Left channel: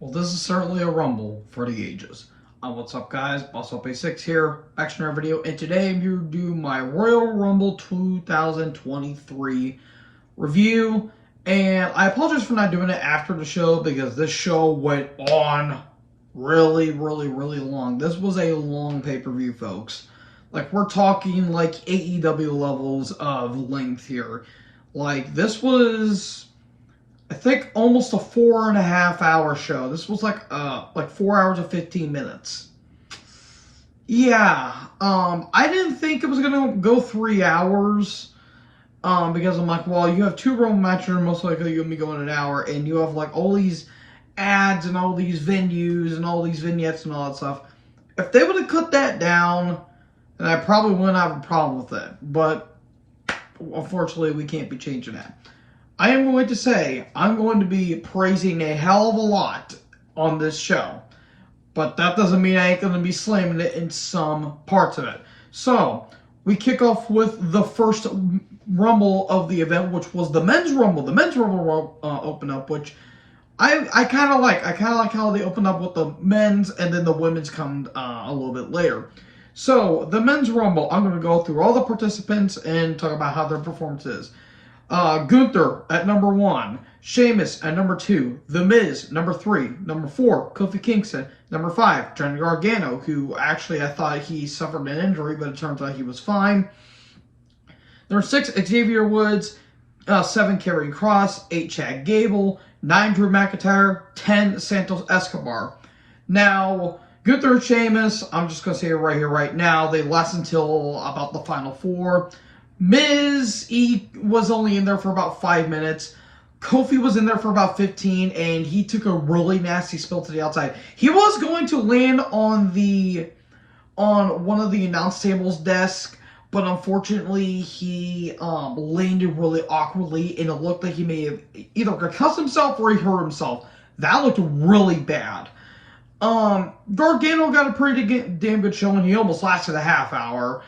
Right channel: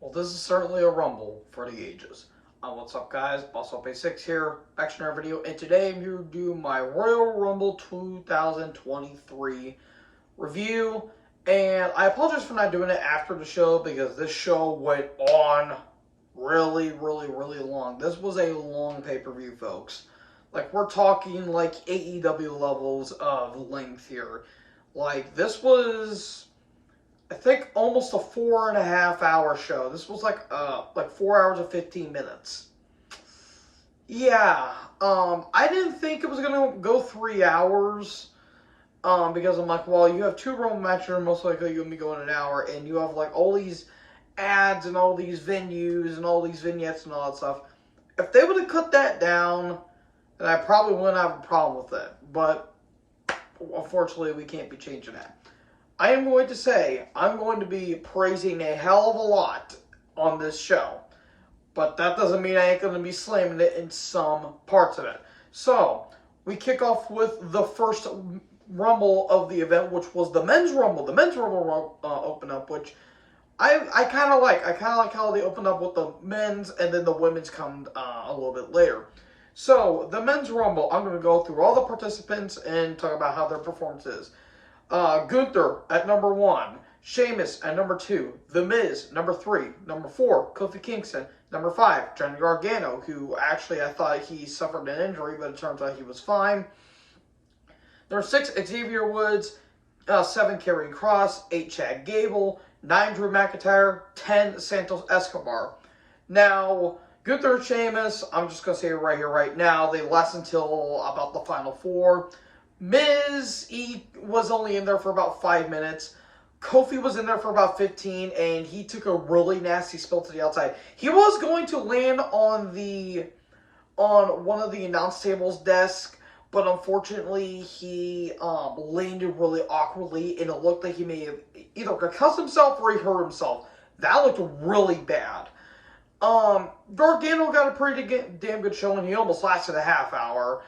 Well, this is certainly a rumble for the ages. What's up, guys? Boss Up A6 here, back to another video, and today I'm here to do my Royal Rumble 2023 review. And I apologize for not doing it after the show because this show went on really long. This was a long pay-per-view, folks. Like, we're talking like AEW levels of length here. Like, this was, I think, almost a 4.5 hour show. This was like 4 hours and 15 minutes. Yeah, I didn't think it was gonna go 3 hours. Because I'm like, well, you have two Rumble matches, and most likely you're gonna be going an hour, and you have like all these ads and all these venues and all these vignettes and all that stuff. If they would have cut that down, then I probably wouldn't have a problem with it. But unfortunately, we can't be changing that. I am going to say I'm going to be praising a hell of a lot on this show. But that doesn't mean I ain't going to be slamming it in some parts of it. So, we kick off with the first Rumble of the event, which was the Men's Rumble. The Men's Rumble opened up, which I kind of like. I kind of like how they opened up with the men's and then the women's come a little bit later. So, the Men's Rumble, I'm going to go through all the participants and talk about how their performance is. Gunther at number 1, Sheamus at number 2, The Miz number 3, number 4, Kofi Kingston, number 5, Johnny Gargano, who actually I thought he suffered an injury, but it turns out he was fine. Number 6, Xavier Woods, 7, Karrion Kross, 8, Chad Gable, 9, Drew McIntyre, 10, Santos Escobar. Now, Gunther and Sheamus, I'm just going to say it right here, right now, they last until about the final 4. Miz, he was only in there for about 5 minutes. Kofi was in there for about 15, and he took a really nasty spill to the outside. He was going to land on one of the announce table's desk, but unfortunately he landed really awkwardly, and it looked like he may have either concussed himself or he hurt himself. That looked really bad. Gargano got a pretty damn good showing. He almost lasted a half hour.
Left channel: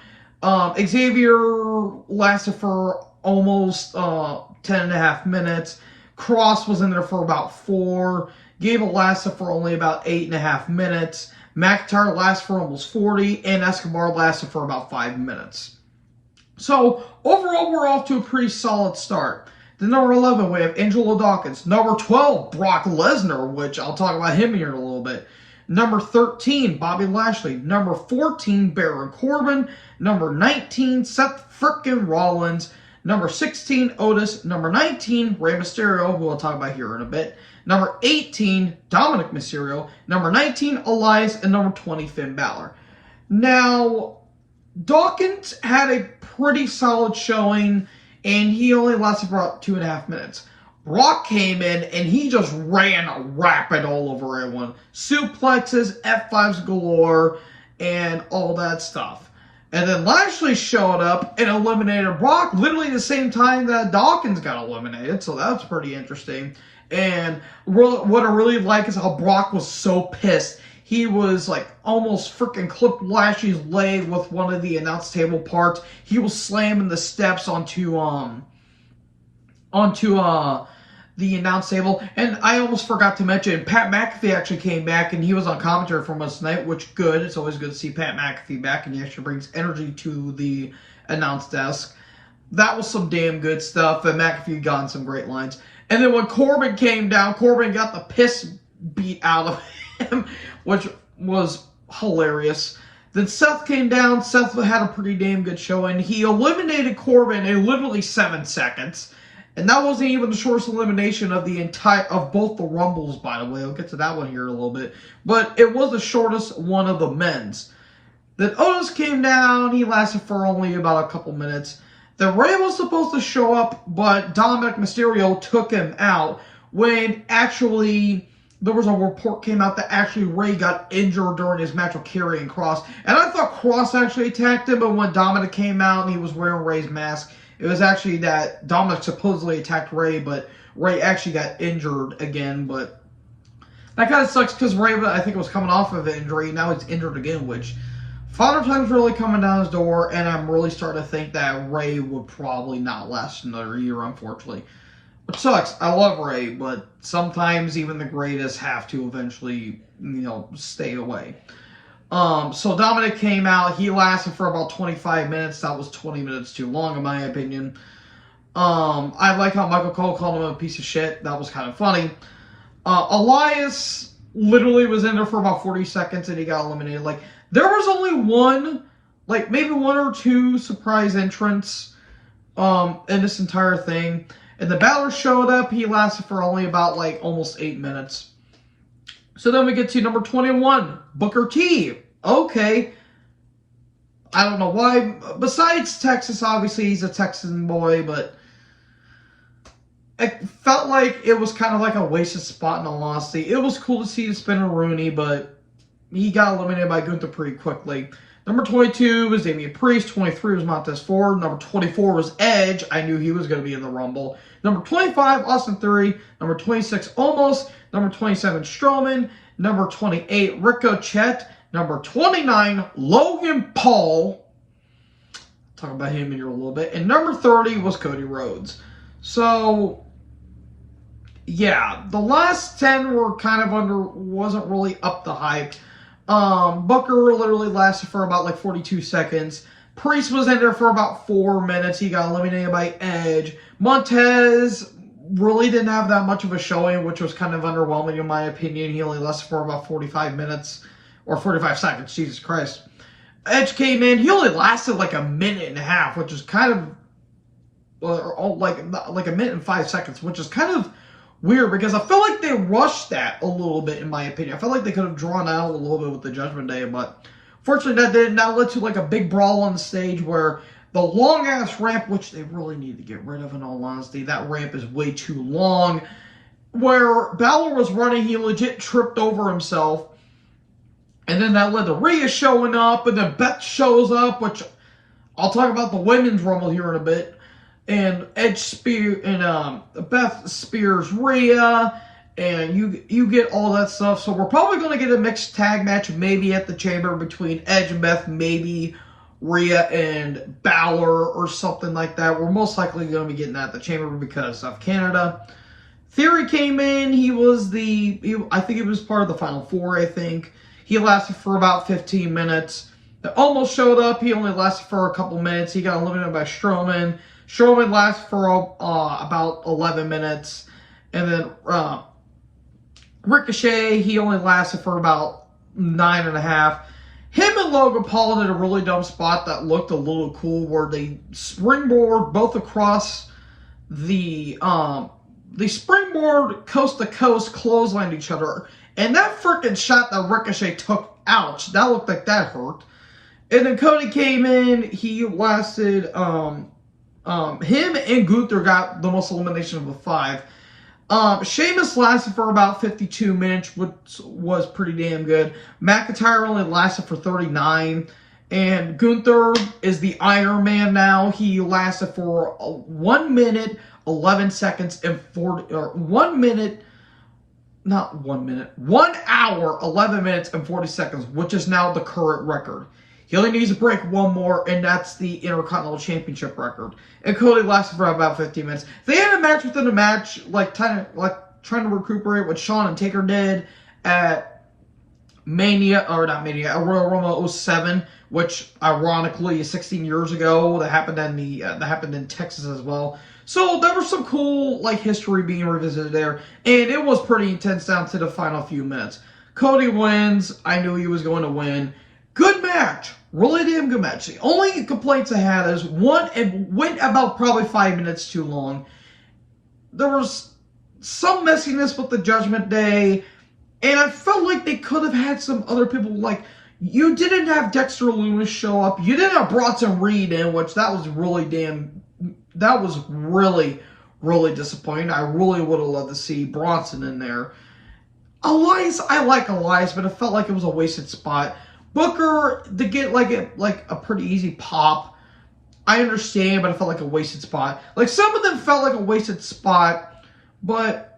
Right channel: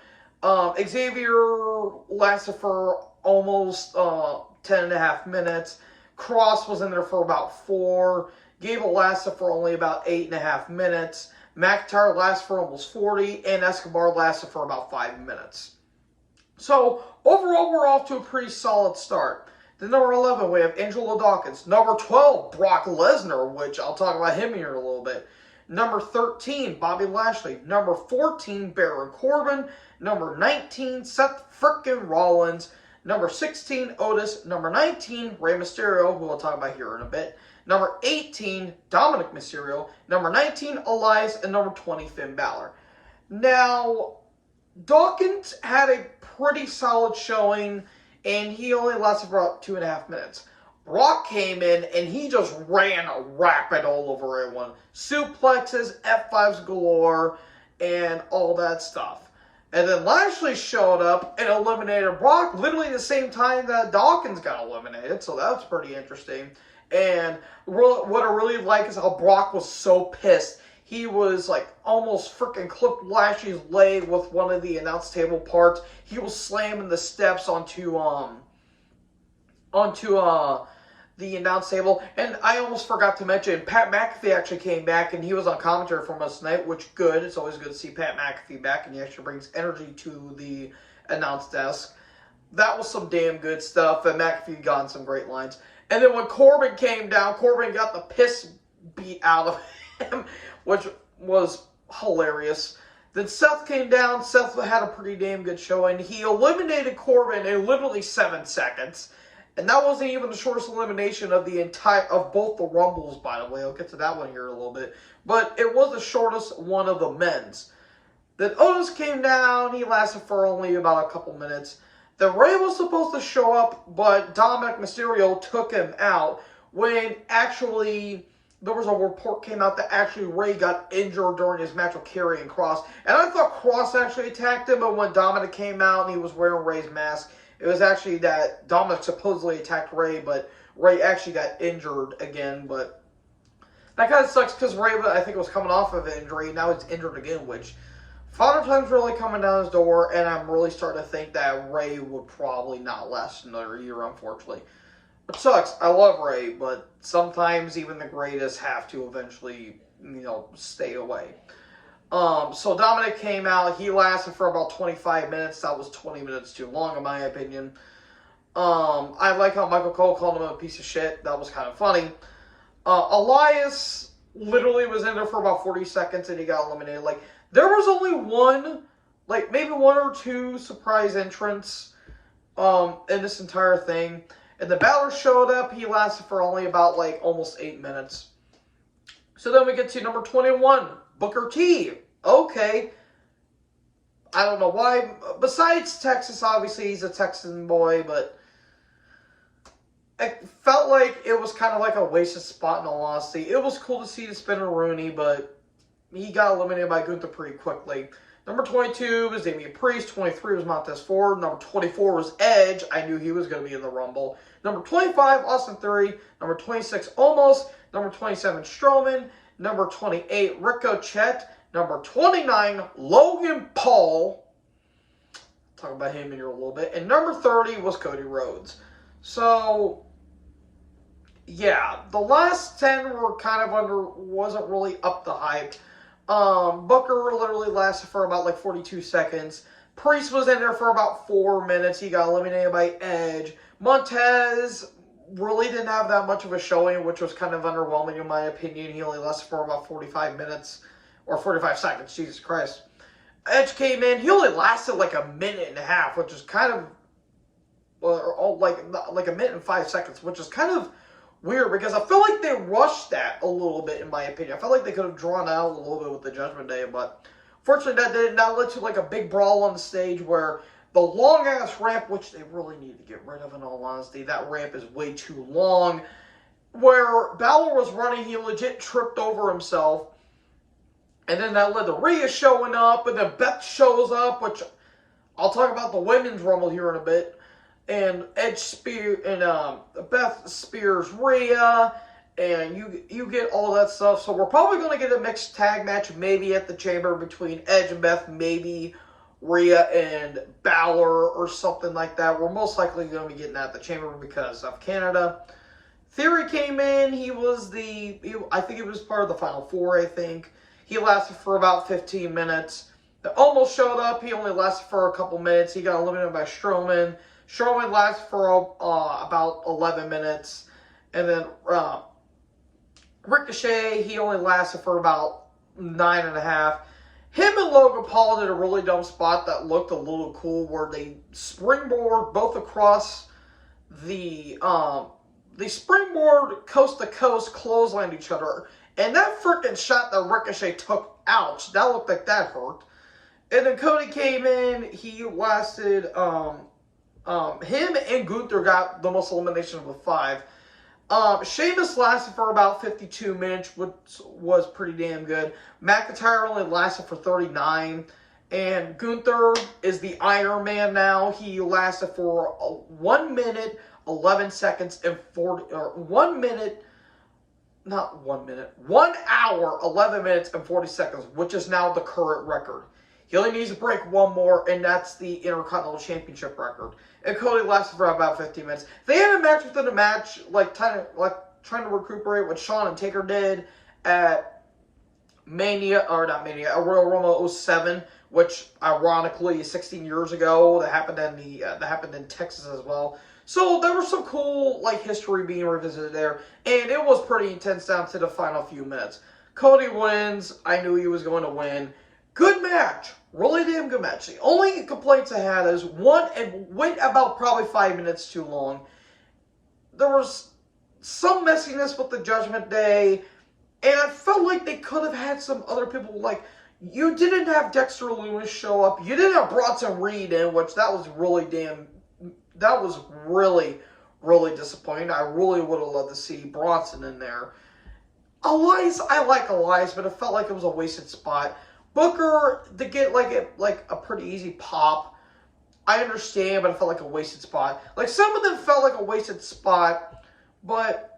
Xavier lasted for almost 10.5 minutes. Cross was in there for about 4. Gable lasted for only about 8.5 minutes. McIntyre lasted for almost 40. And Escobar lasted for about 5 minutes. So, overall, we're off to a pretty solid start. Then number 11, we have Angelo Dawkins. Number 12, Brock Lesnar, which I'll talk about him here in a little bit. Number 13, Bobby Lashley. Number 14, Baron Corbin. Number 19, Seth frickin' Rollins. Number 16, Otis. Number 19, Rey Mysterio, who I'll talk about here in a bit. Number 18, Dominic Mysterio. Number 19, Elias. And number 20, Finn Balor. Now, Dawkins had a pretty solid showing, and he only lasted for about 2.5 minutes. Brock came in, and he just ran rapid all over everyone. Suplexes, F5s galore, and all that stuff. And then Lashley showed up and eliminated Brock literally the same time that Dawkins got eliminated, so that's pretty interesting. And what I really like is how Brock was so pissed. He was like almost freaking clipped Lashley's leg with one of the announce table parts. He was slamming the steps onto the announce table. And I almost forgot to mention, Pat McAfee actually came back, and he was on commentary for us tonight, which good. It's always good to see Pat McAfee back, and he actually brings energy to the announce desk. That was some damn good stuff, and McAfee got in some great lines. And then when Corbin came down, Corbin got the piss beat out of him, which was hilarious. Then Seth came down. Seth had a pretty damn good showing. He eliminated Corbin in literally 7 seconds. And that wasn't even the shortest elimination of both the Rumbles, by the way. I'll get to that one here in a little bit. But it was the shortest one of the men's. Then Otis came down. He lasted for only about a couple minutes. Then Rey was supposed to show up, but Dominic Mysterio took him out when actually there was a report came out that actually Rey got injured during his match with Karrion Kross. And I thought Kross actually attacked him, but when Dominic came out and he was wearing Rey's mask, it was actually that Dominic supposedly attacked Rey, but Rey actually got injured again. But that kind of sucks because Rey, I think, was coming off of an injury. Now he's injured again, which Father Time's really coming down his door, and I'm really starting to think that Rey would probably not last another year, unfortunately. Which sucks. I love Ray, but sometimes even the greatest have to eventually, stay away. So Dominic came out. He lasted for about 25 minutes. That was 20 minutes too long, in my opinion. I like how Michael Cole called him a piece of shit. That was kind of funny. Elias literally was in there for about 40 seconds and he got eliminated. Like, there was only one, like, maybe one or two surprise entrants in this entire thing. And the Balor showed up. He lasted for only about, like, almost 8 minutes. So then we get to number 21, Booker T. Okay. I don't know why. Besides Texas, obviously, he's a Texan boy, but it felt like it was kind of like a wasted spot in all honesty. It was cool to see the Spinner Rooney, but he got eliminated by Gunther pretty quickly. Number 22 was Damian Priest. 23 was Montez Ford. Number 24 was Edge. I knew he was going to be in the Rumble. Number 25, Austin Theory. Number 26, Omos. Number 27, Strowman. Number 28, Ricochet. Number 29, Logan Paul. Talk about him in here a little bit. And number 30 was Cody Rhodes. So, yeah, the last 10 were kind of wasn't really up the hype. Booker literally lasted for about like 42 seconds. Priest was in there for about 4 minutes. He got eliminated by Edge. Montez really didn't have that much of a showing, which was kind of underwhelming in my opinion. He only lasted for about 45 minutes or 45 seconds. Jesus Christ. Edge came in. He only lasted like a minute and a half, which is kind of like a minute and 5 seconds, which is kind of weird because I feel like they rushed that a little bit, in my opinion. I feel like they could have drawn out a little bit with the Judgment Day, but fortunately that didn't. That led to like a big brawl on the stage where the long-ass ramp, which they really need to get rid of in all honesty, that ramp is way too long, where Balor was running, he legit tripped over himself, and then that led to Rhea showing up, and then Beth shows up, which I'll talk about the Women's Rumble here in a bit. And Beth spears Rhea, and you get all that stuff. So we're probably going to get a mixed tag match, maybe at the Chamber between Edge and Beth, maybe Rhea and Balor or something like that. We're most likely going to be getting that at the Chamber because of Canada. Theory came in. I think he was part of the Final Four. I think he lasted for about 15 minutes. They almost showed up. He only lasted for a couple minutes. He got eliminated by Strowman. Strowman lasted for about 11 minutes. And then Ricochet, he only lasted for about 9.5. Him and Logan Paul did a really dumb spot that looked a little cool where they springboard both across the springboard coast to coast, clotheslined each other. And that freaking shot that Ricochet took, ouch, that looked like that hurt. And then Cody came in, he lasted... him and Gunther got the most elimination of the 5. Sheamus lasted for about 52 minutes, which was pretty damn good. McIntyre only lasted for 39. And Gunther is the Iron Man now. He lasted for 1 minute, 11 seconds, and 1 hour, 11 minutes, and 40 seconds, which is now the current record. He only needs to break one more, and that's the Intercontinental Championship record. And Cody lasted for about 15 minutes. They had a match within a match, trying to recuperate what Shawn and Taker did at at Royal Rumble 07, which ironically is 16 years ago. That happened in Texas as well. So there was some cool history being revisited there, and it was pretty intense down to the final few minutes. Cody wins. I knew he was going to win. Good match. Really damn good match. The only complaints I had is, one, it went about probably 5 minutes too long. There was some messiness with the Judgment Day, and I felt like they could have had some other people, you didn't have Dexter Loomis show up. You didn't have Bronson Reed in, which that was really, really disappointing. I really would have loved to see Bronson in there. Elias, I like Elias, but it felt like it was a wasted spot. Booker, to get a pretty easy pop, I understand, but it felt like a wasted spot. Some of them felt like a wasted spot, but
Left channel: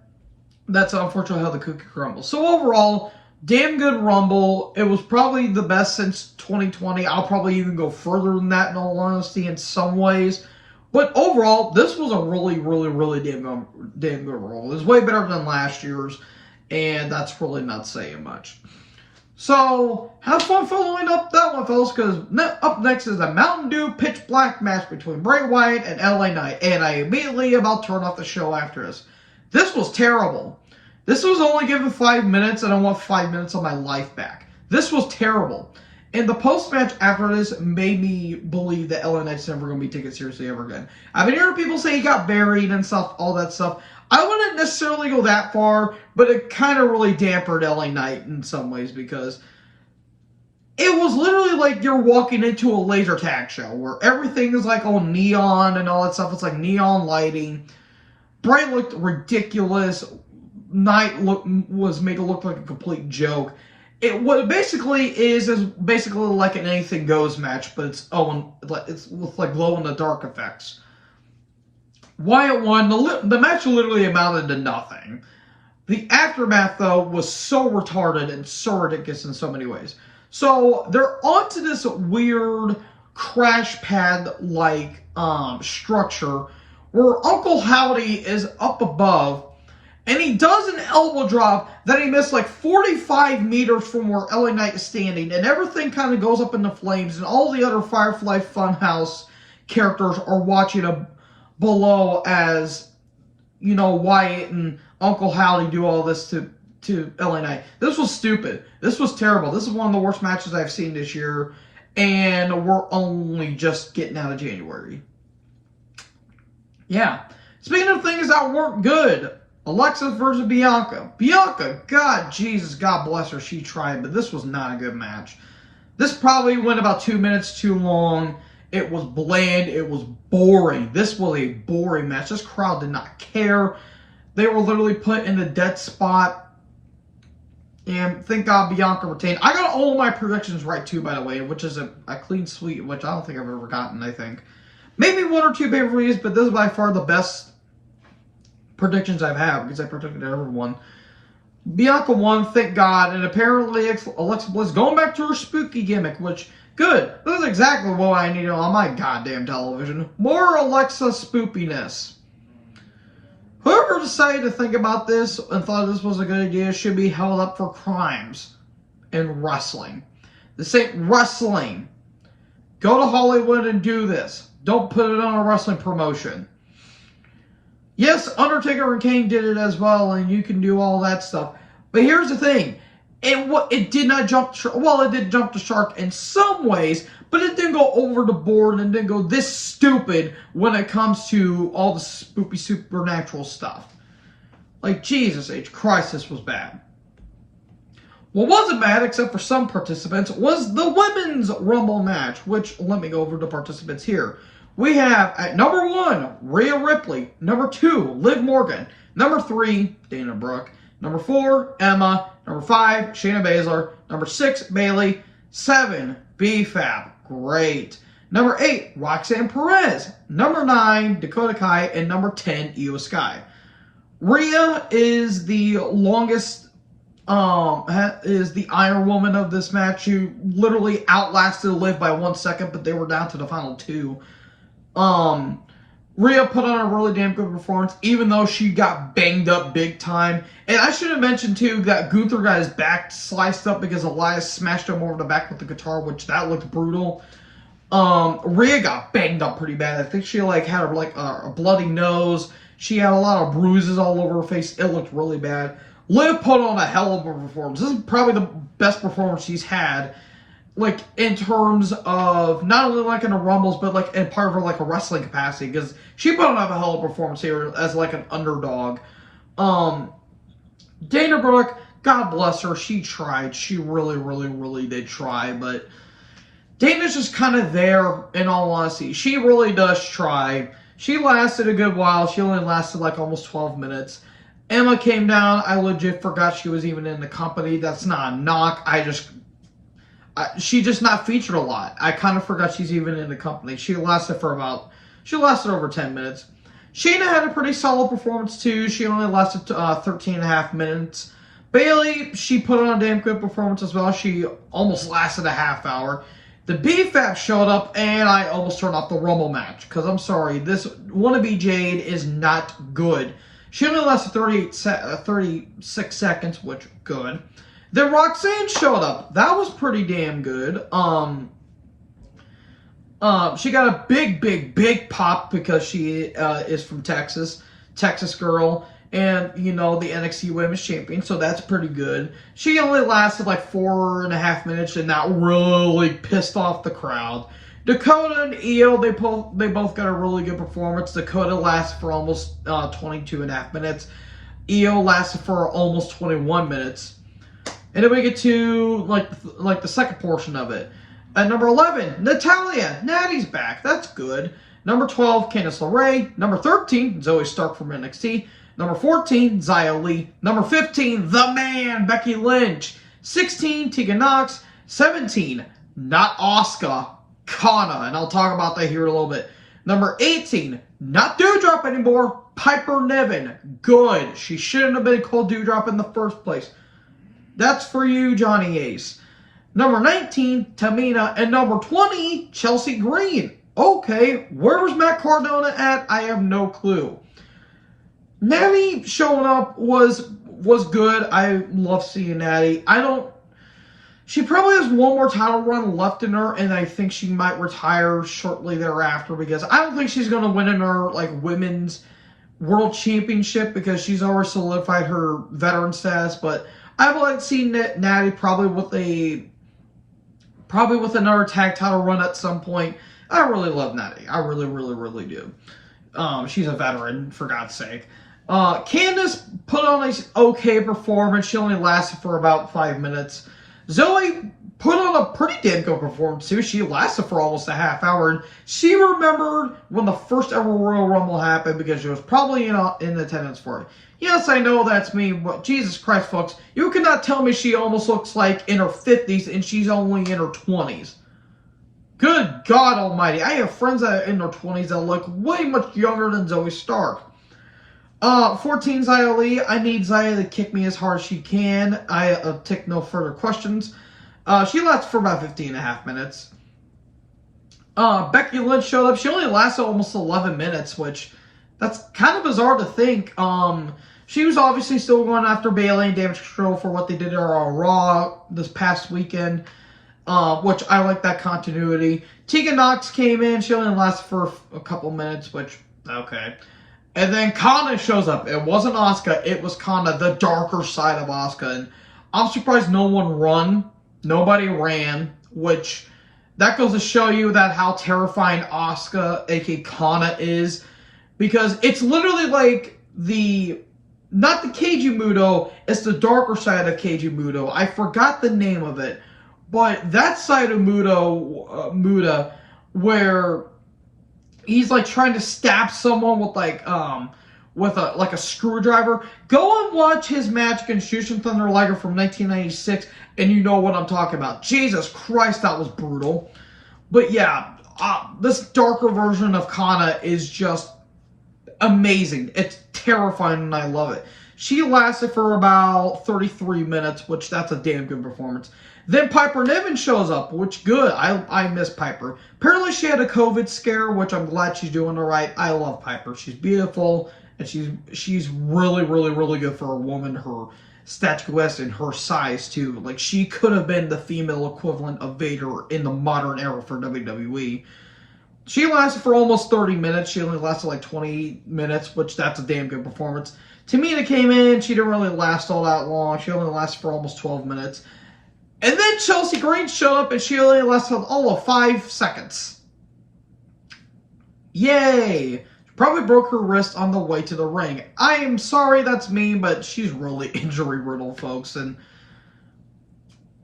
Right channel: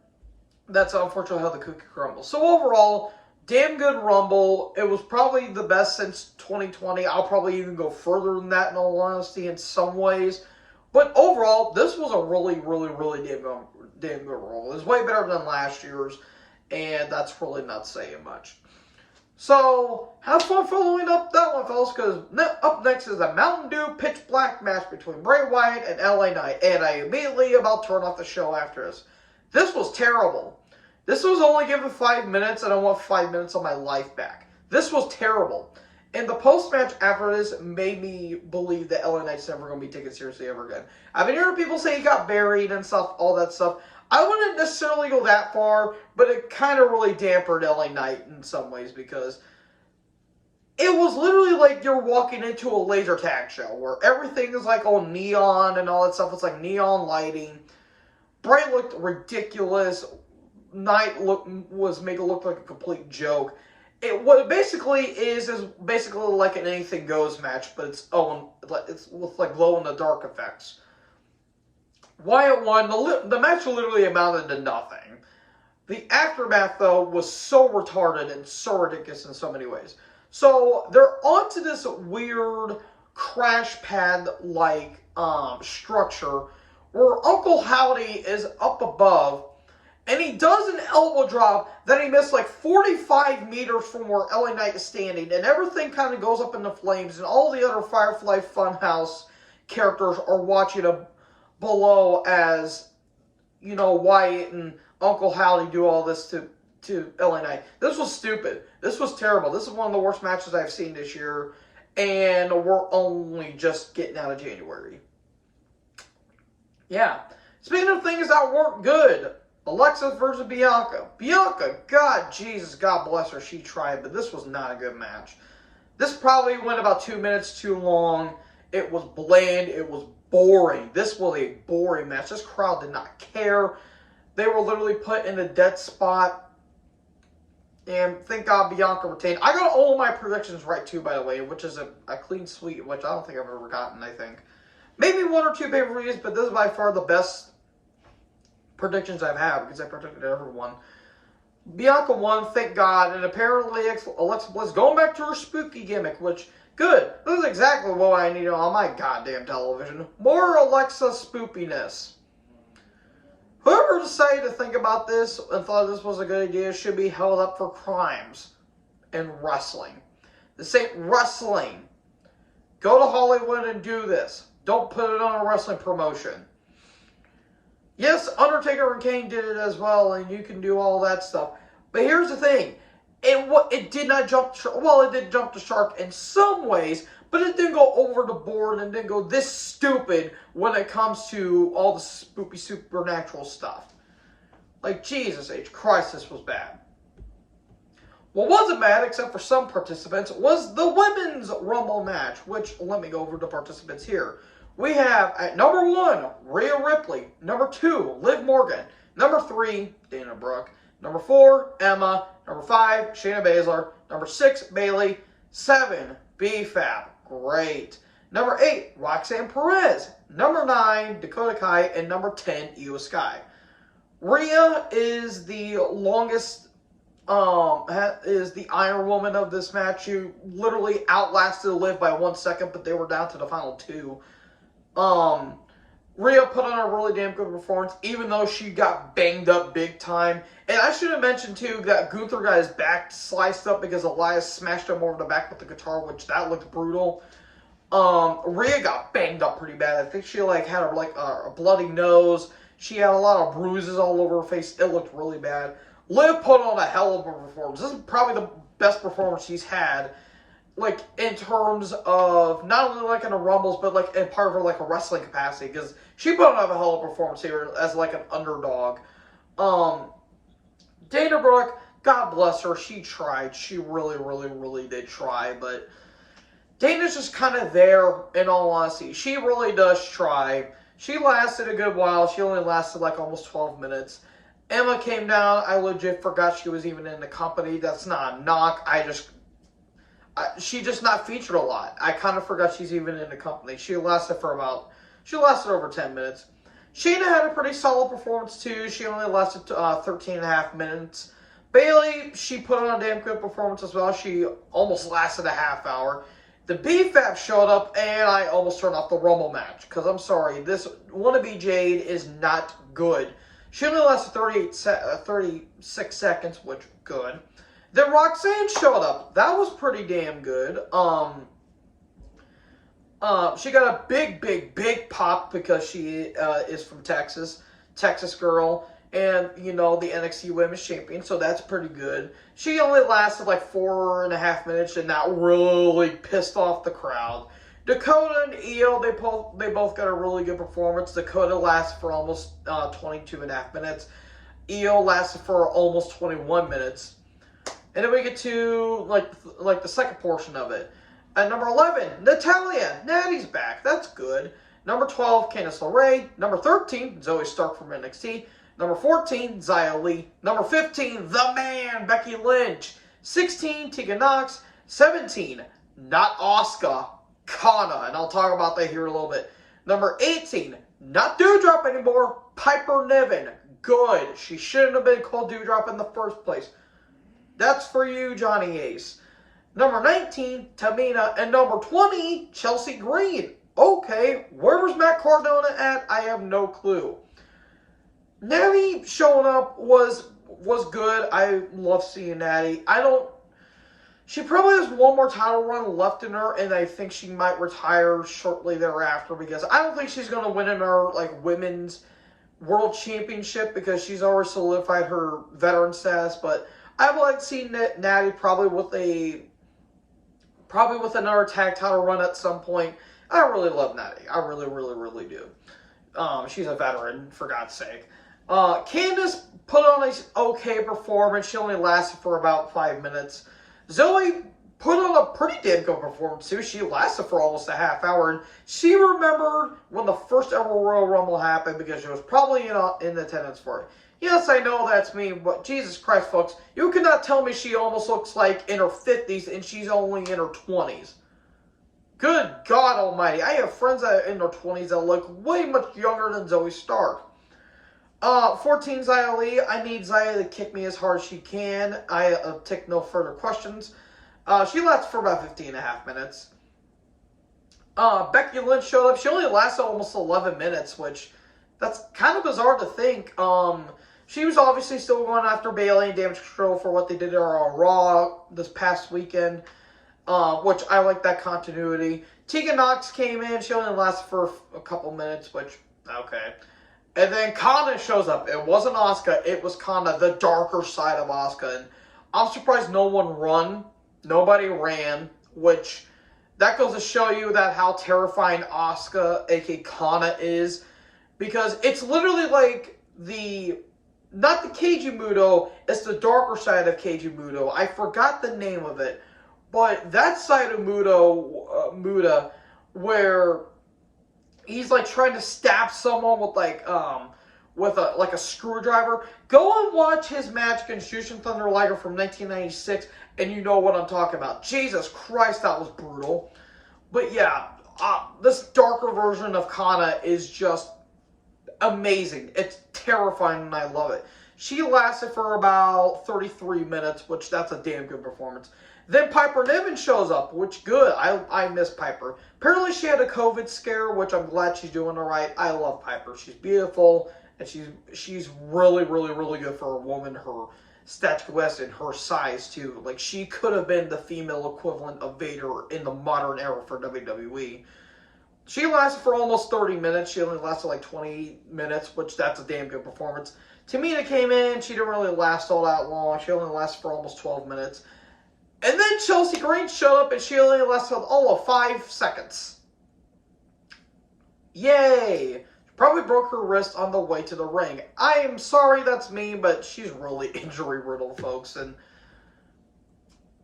that's unfortunately how the cookie crumbles. So overall, damn good Rumble. It was probably the best since 2020. I'll probably even go further than that in all honesty in some ways. But overall, this was a really, really, really damn good roll. It was way better than last year's, and that's really not saying much. So, have fun following up that one, fellas, because up next is a Mountain Dew Pitch Black match between Bray Wyatt and LA Knight, and I immediately about turn off the show after this. This was terrible. This was only given 5 minutes, and I want 5 minutes of my life back. This was terrible. And the post-match after this made me believe that LA Knight's never going to be taken seriously ever again. I've been hearing people say he got buried and stuff, all that stuff. I wouldn't necessarily go that far, but it kind of really dampened LA Knight in some ways because it was literally like you're walking into a laser tag show where everything is like all neon and all that stuff. It's like neon lighting. Bray looked ridiculous. Knight was made to look like a complete joke. What it basically is basically like an anything goes match, but it's with like glow in the dark effects. Wyatt won. The match literally amounted to nothing. The aftermath, though, was so retarded and so ridiculous in so many ways. So they're onto this weird crash pad-like structure where Uncle Howdy is up above, and he does an elbow drop that he missed like 45 meters from where LA Knight is standing, and everything kind of goes up in the flames, and all the other Firefly Funhouse characters are watching below as, you know, Wyatt and Uncle Howdy do all this to LA Knight. This was stupid. This was terrible. This is one of the worst matches I've seen this year, and we're only just getting out of January. Yeah. Speaking of things that weren't good, Alexa versus Bianca. Bianca, God, Jesus, God bless her, she tried, but this was not a good match. This probably went about 2 minutes too long. It was bland. It was boring. This was a boring match. This crowd did not care. They were literally put in a dead spot. And thank God Bianca retained. I got all my predictions right, too, by the way, which is a clean sweep, which I don't think I've ever gotten, I think. Maybe 1 or 2 pay-per-views, but this is by far the best predictions I've had because I predicted everyone. Bianca won, thank God, and apparently Alexa Bliss going back to her spooky gimmick, which, good. This is exactly what I need on my goddamn television. More Alexa spoopiness. Whoever decided to think about this and thought this was a good idea should be held up for crimes in wrestling. This ain't wrestling. Go to Hollywood and do this. Don't put it on a wrestling promotion. Yes, Undertaker and Kane did it as well, and you can do all that stuff. But here's the thing. It did not jump the shark. Well, it did jump the shark in some ways, but it didn't go over the board and didn't go this stupid when it comes to all the spoopy supernatural stuff. Like, Jesus H. Christ, this was bad. What wasn't bad, except for some participants, was the Women's Rumble match, which, let me go over the participants here. We have, at number 1, Rhea Ripley. Number 2, Liv Morgan. Number 3, Dana Brooke. Number 4, Emma. Number 5, Shayna Baszler. Number 6, Bayley. 7, B-Fab. Great. Number 8, Roxanne Perez. Number 9, Dakota Kai. And number 10, Io Sky. Rhea is the longest, is the Iron Woman of this match. She literally outlasted Liv by 1 second, but they were down to the final 2. Rhea put on a really damn good performance, even though she got banged up big time. And I should have mentioned, too, that Gunther got his back sliced up because Elias smashed him over the back with the guitar, which that looked brutal. Rhea got banged up pretty bad. I think she, had a bloody nose. She had a lot of bruises all over her face. It looked really bad. Liv put on a hell of a performance. This is probably the best performance she's had. In terms of, not only, in the Rumbles, but, in part of her, a wrestling capacity, because she put on a hell of a performance here as, an underdog. Dana Brooke, God bless her, she tried. She really, really, really did try, but Dana's just kind of there, in all honesty. She really does try. She lasted a good while. She only lasted, almost 12 minutes. Emma came down. I legit forgot she was even in the company. That's not a knock. She just not featured a lot. I kind of forgot she's even in the company. She lasted over 10 minutes. Shayna had a pretty solid performance too. She only lasted 13 and a half minutes. Bayley, she put on a damn good performance as well. She almost lasted a half hour. The BFAP showed up, and I almost turned off the Rumble match. Because I'm sorry, this wannabe Jade is not good. She only lasted 36 seconds, which good. Then Roxanne showed up. That was pretty damn good. She got a big pop because she is from Texas. Texas girl. And, you know, the NXT Women's Champion, so that's pretty good. She only lasted like 4.5 minutes, and that really pissed off the crowd. Dakota and Io, they both got a really good performance. Dakota lasted for almost 22.5 minutes. Io lasted for almost 21 minutes. And then we get to, like the second portion of it. At number 11, Natalya. Natty's back. That's good. Number 12, Candice LeRae. Number 13, Zoe Stark from NXT. Number 14, Xia Li. Number 15, The Man, Becky Lynch. 16, Tegan Nox. 17, not Asuka, Kana. And I'll talk about that here in a little bit. Number 18, not Doudrop anymore, Piper Niven. Good. She shouldn't have been called Doudrop in the first place. That's for you, Johnny Ace. Number 19, Tamina. And number 20, Chelsea Green. Okay, where was Matt Cardona at? I have no clue. Natty showing up was good. I love seeing Natty. She probably has one more title run left in her, and I think she might retire shortly thereafter because I don't think she's going to win in her women's world championship because she's already solidified her veteran status. But I'd like to see Natty probably with another tag title run at some point. I really love Natty. I really do. She's a veteran, for God's sake. Candice put on an okay performance. She only lasted for about 5 minutes. Zoe put on a pretty damn good performance too. She lasted for almost a half hour. And she remembered when the first ever Royal Rumble happened because she was probably in attendance for it. Yes, I know that's me, but Jesus Christ, folks. You cannot tell me she almost looks like in her 50s and she's only in her 20s. Good God almighty. I have friends that are in their 20s that look way much younger than Zoe Stark. 14, Xia Li. I need Xia to kick me as hard as she can. I take no further questions. She lasted for about 15.5 minutes. Becky Lynch showed up. She only lasted almost 11 minutes, which that's kind of bizarre to think. She was obviously still going after Bayley and Damage Control for what they did on Raw this past weekend, which I like that continuity. Tegan Nox came in. She only lasted for a couple minutes, which, okay. And then Kana shows up. It wasn't Asuka. It was Kana, the darker side of Asuka. And I'm surprised no one ran. Nobody ran, which that goes to show you that how terrifying Asuka, aka Kana, is. Because it's literally like not the Keiji Muto, it's the darker side of Keiji Muto. I forgot the name of it. But that side of Muta, where he's like trying to stab someone with a screwdriver. Go and watch his match against Jushin Thunder Liger from 1996, and you know what I'm talking about. Jesus Christ, that was brutal. But yeah, this darker version of Kana is just amazing. It's terrifying, and I love it. She lasted for about 33 minutes, which that's a damn good performance. Then Piper Niven shows up, which good. I miss Piper. Apparently she had a COVID scare, which I'm glad she's doing all right. I love Piper. She's beautiful, and she's really good for a woman her statuesque and her size too. Like, she could have been the female equivalent of Vader in the modern era for WWE. She lasted for almost 30 minutes. She only lasted like 20 minutes, which that's a damn good performance. Tamina came in. She didn't really last all that long. She only lasted for almost 12 minutes. And then Chelsea Green showed up, and she only lasted all of 5 seconds. Yay! She probably broke her wrist on the way to the ring. I am sorry that's mean, but she's really injury-riddled, folks. And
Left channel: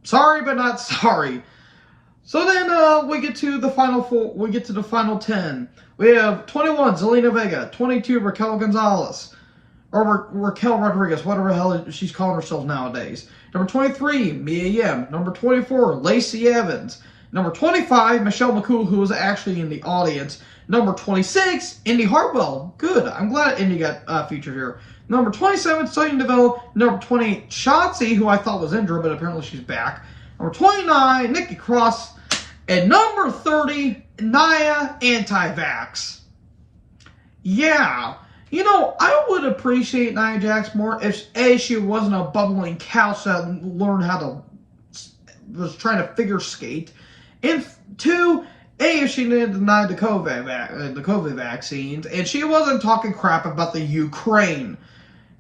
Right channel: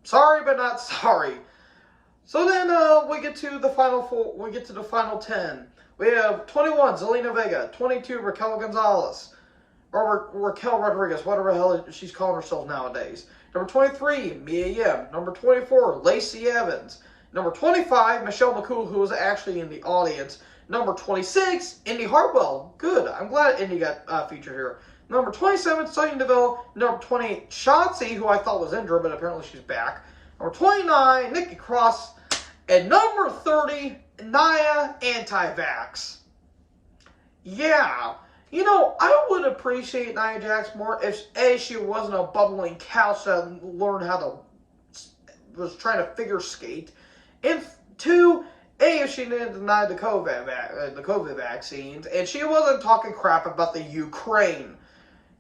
sorry, but not sorry. So then we get to the final 4. We get to the final 10. We have 21, Zelina Vega. 22, Raquel Gonzalez. Or Raquel Rodriguez, whatever the hell she's calling herself nowadays. Number 23, Mia Yim. Number 24, Lacey Evans. Number 25, Michelle McCool, who was actually in the audience. Number 26, Indy Hartwell. Good. I'm glad Indy got featured here. Number 27, Sonya Deville. Number 28, Shotzi, who I thought was injured, but apparently she's back. Number 29, Nikki Cross. And number 30, Nia Anti-Vax. Yeah. You know, I would appreciate Nia Jax more if A, she wasn't a bubbling couch that learned how to, was trying to figure skate. And 2, A, if she didn't deny the COVID vaccines, and she wasn't talking crap about the Ukraine.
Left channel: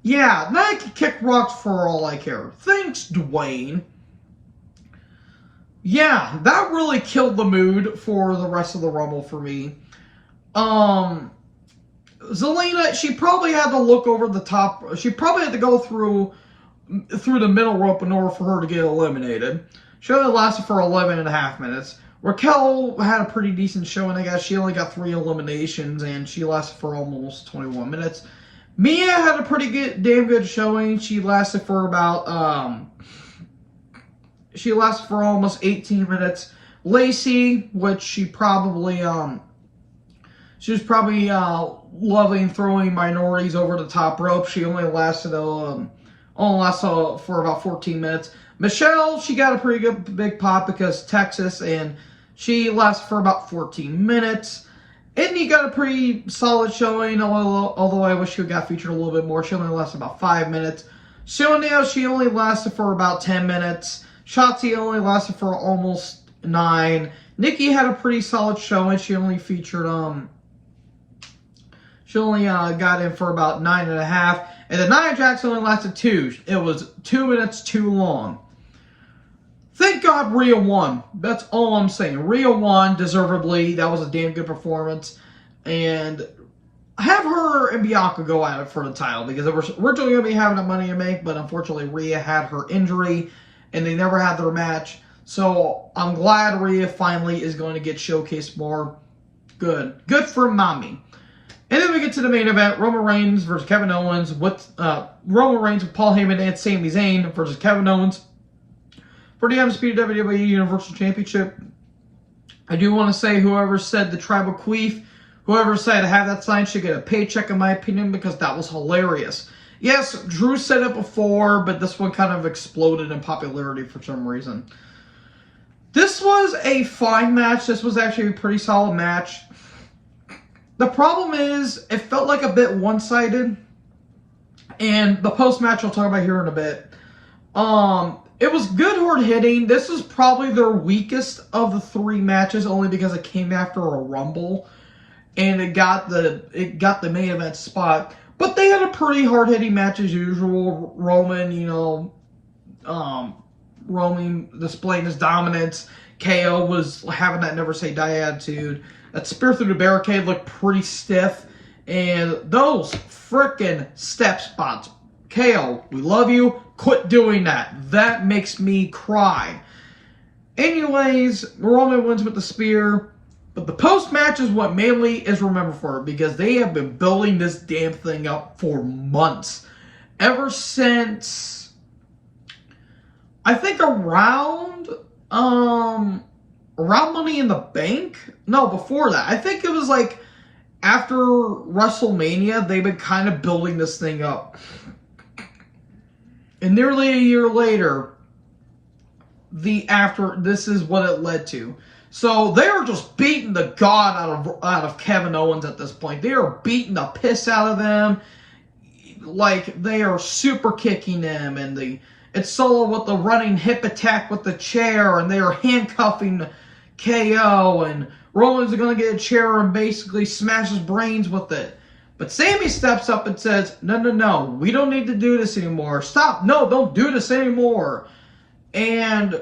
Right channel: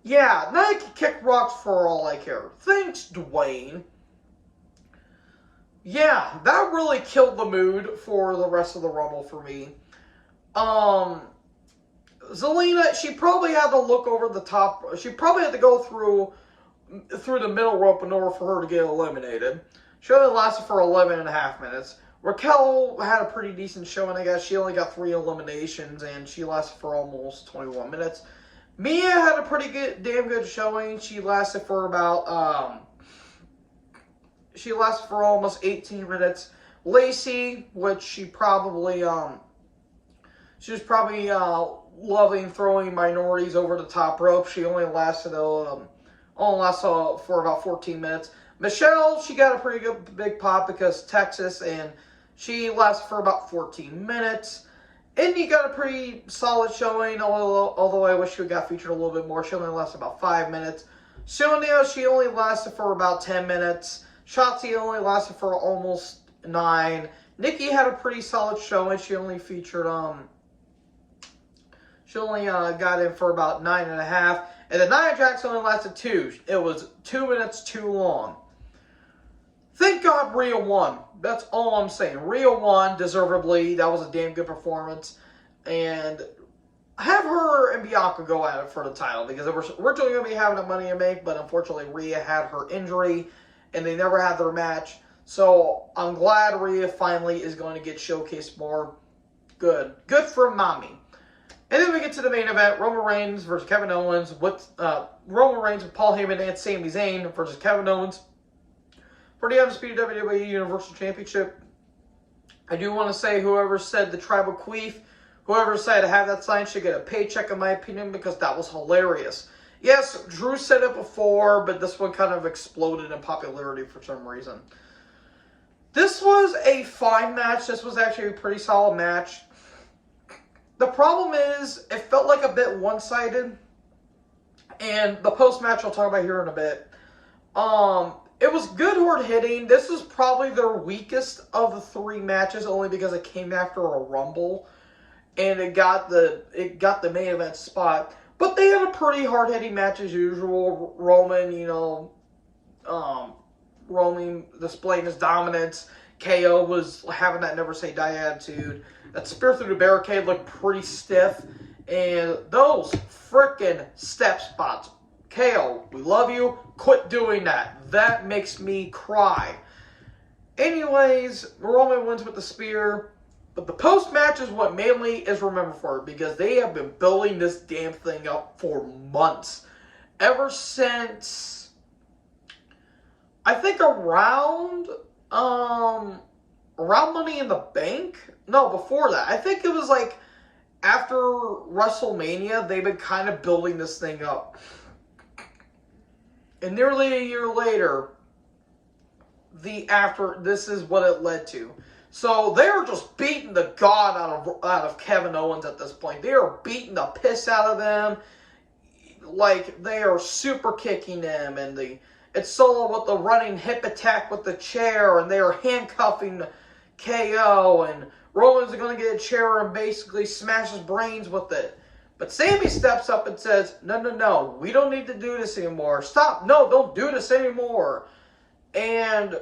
Yeah, Nia can kick rocks for all I care. Thanks, Dwayne. Yeah, that really killed the mood for the rest of the Rumble for me. Zelina, she probably had to look over the top. She probably had to go through the middle rope in order for her to get eliminated. She only lasted for 11 and a half minutes. Raquel had a pretty decent showing, I guess. She only got 3 eliminations, and she lasted for almost 21 minutes. Mia had a pretty good, damn good showing. She lasted for about, she lasted for almost 18 minutes. Lacey, which she was probably loving throwing minorities over the top rope. She only lasted for about 14 minutes. Michelle, she got a pretty good big pop because Texas, and she lasted for about 14 minutes. Indy got a pretty solid showing, although I wish she got featured a little bit more. She only lasted about 5 minutes. Sonya, she only lasted for about 10 minutes. Shotzi only lasted for almost 9. Nikki had a pretty solid showing. She only featured, she only got in for about 9.5. And then Nia Jax only lasted 2. It was 2 minutes too long. Thank God Rhea won. That's all I'm saying. Rhea won deservedly. That was a damn good performance. And have her and Bianca go at it for the title, because they were originally going to be having a Money in the Bank, but unfortunately Rhea had her injury and they never had their match. So I'm glad Rhea finally is going to get showcased more. Good. Good for mommy. And then we get to the main event, Roman Reigns versus Kevin Owens, with Roman Reigns with Paul Heyman and Sami Zayn versus Kevin Owens for the Undisputed WWE Universal Championship. I do want to say whoever said the tribal queef, whoever said have that sign should get a paycheck in my opinion, because that was hilarious. Yes, Drew said it before, but this one kind of exploded in popularity for some reason. This was a fine match. This was actually a pretty solid match. The problem is, it felt like a bit one-sided. And the post-match I'll talk about here in a bit. It was good hard hitting. This is probably their weakest of the 3 matches, only because it came after a Rumble. And it got the main event spot. But they had a pretty hard hitting match as usual. Roman, Roman displaying his dominance. KO was having that never say die attitude. That spear through the barricade looked pretty stiff. And those frickin' step spots. KO, we love you. Quit doing that. That makes me cry. Anyways, Roman wins with the spear. But the post-match is what mainly is remembered for, because they have been building this damn thing up for months. Ever since, I think around Money in the Bank? No, before that. I think it was like after WrestleMania, they've been kind of building this thing up. And nearly a year later, this is what it led to. So they are just beating the god out of Kevin Owens at this point. They are beating the piss out of them. Like, they are super kicking them, and it's Solo with the running hip attack with the chair, and they are handcuffing KO, and Roman's going to get a chair and basically smash his brains with it. But Sami steps up and says, no, we don't need to do this anymore. Stop, no, don't do this anymore. And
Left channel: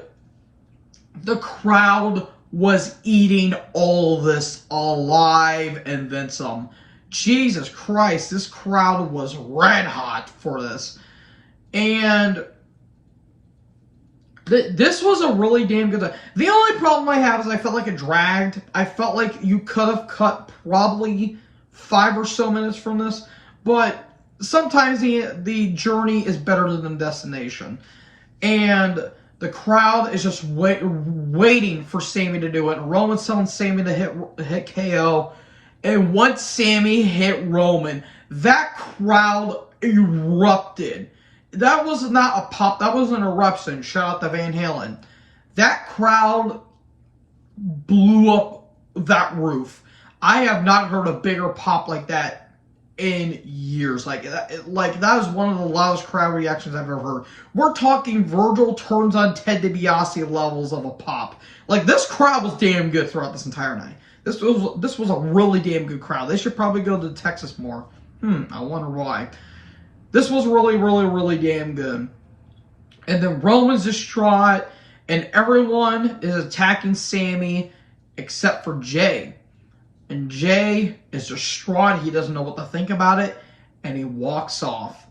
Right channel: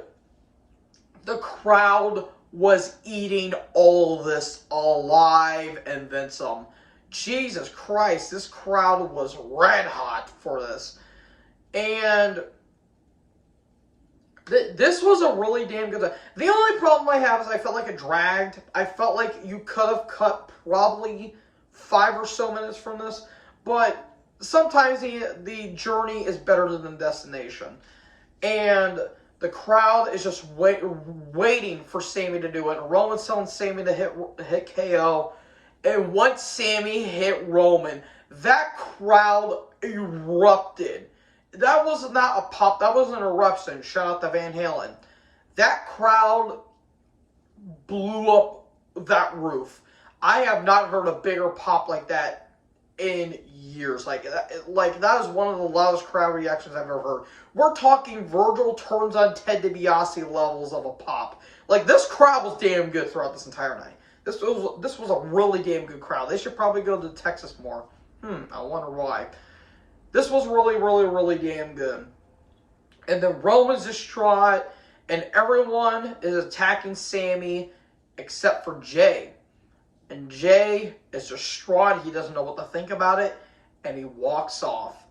the crowd was eating all this alive and then some. Jesus Christ, this crowd was red hot for this. And this was a really damn good. The only problem I have is I felt like it dragged. I felt like you could have cut probably 5 or so minutes from this. But sometimes the journey is better than the destination. And the crowd is just waiting for Sami to do it. And Roman's telling Sami to hit KO. And once Sami hit Roman, that crowd erupted. That was not a pop. That was an eruption. Shout out to Van Halen. That crowd blew up that roof. I have not heard a bigger pop like that in years. Like that was one of the loudest crowd reactions I've ever heard. We're talking Virgil turns on Ted DiBiase levels of a pop. Like, this crowd was damn good throughout this entire night. This was a really damn good crowd. They should probably go to Texas more. I wonder why. This was really, really, really damn good. And then Roman's distraught, and everyone is attacking Sami except for Jay. And Jay is distraught. He doesn't know what to think about it, and he walks off.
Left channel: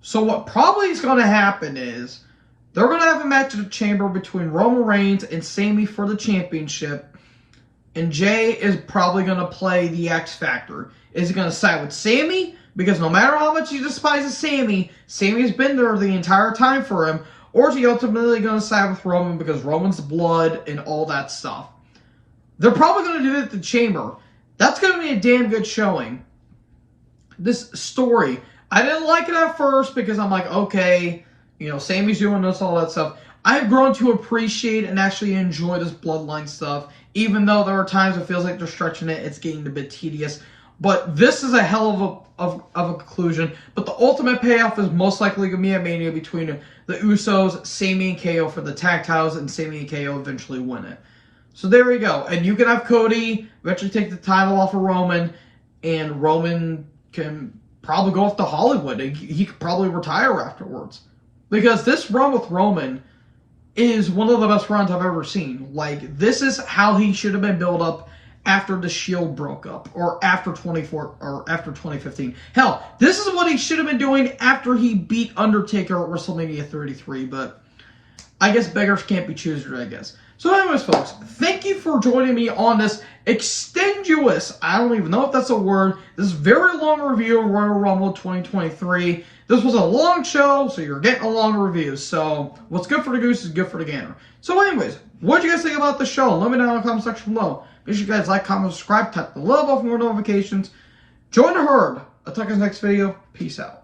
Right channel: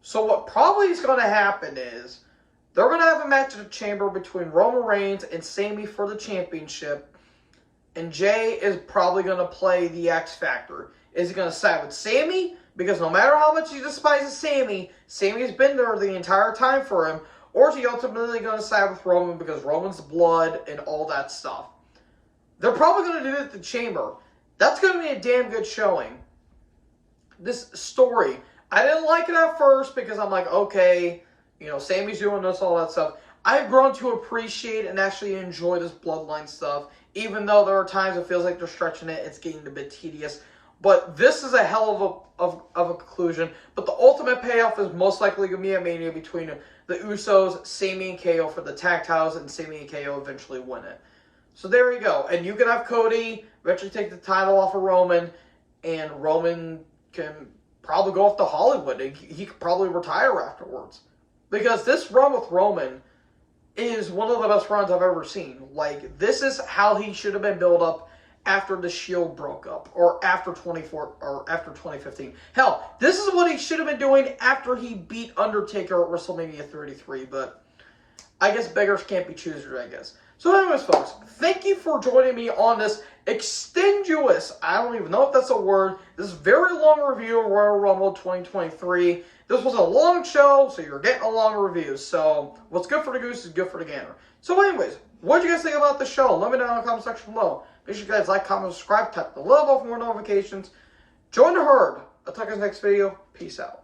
So what probably is going to happen is they're going to have a match in the chamber between Roman Reigns and Sami for the championship, and Jay is probably going to play the X Factor. Is he going to side with Sami? Because no matter how much he despises Sami, Sami's been there the entire time for him. Or is he ultimately going to side with Roman because Roman's blood and all that stuff? They're probably going to do it at the chamber. That's going to be a damn good showing. This story, I didn't like it at first because I'm like, okay, you know, Sami's doing this, all that stuff. I've grown to appreciate and actually enjoy this bloodline stuff. Even though there are times it feels like they're stretching it, it's getting a bit tedious. But this is a hell of a conclusion. But the ultimate payoff is most likely going to be a Mania between the Usos, Sami and KO for the tag titles, and Sami and KO eventually win it. So there you go. And you can have Cody eventually take the title off of Roman, and Roman can probably go off to Hollywood. He could probably retire afterwards. Because this run with Roman is one of the best runs I've ever seen. Like, this is how he should have been built up after the Shield broke up, or after 2015. Hell, this is what he should have been doing after he beat Undertaker at WrestleMania 33, but I guess beggars can't be choosers, I guess. So anyways, folks, thank you for joining me on this extenuous, I don't even know if that's a word, this very long review of Royal Rumble 2023. This was a long show, so you're getting a long review. So what's good for the goose is good for the gander. So anyways, what did you guys think about the show? Let me know in the comment section below. Make sure you guys like, comment, subscribe, tap the little bell for more notifications. Join the herd. I'll talk to you in the next video. Peace out.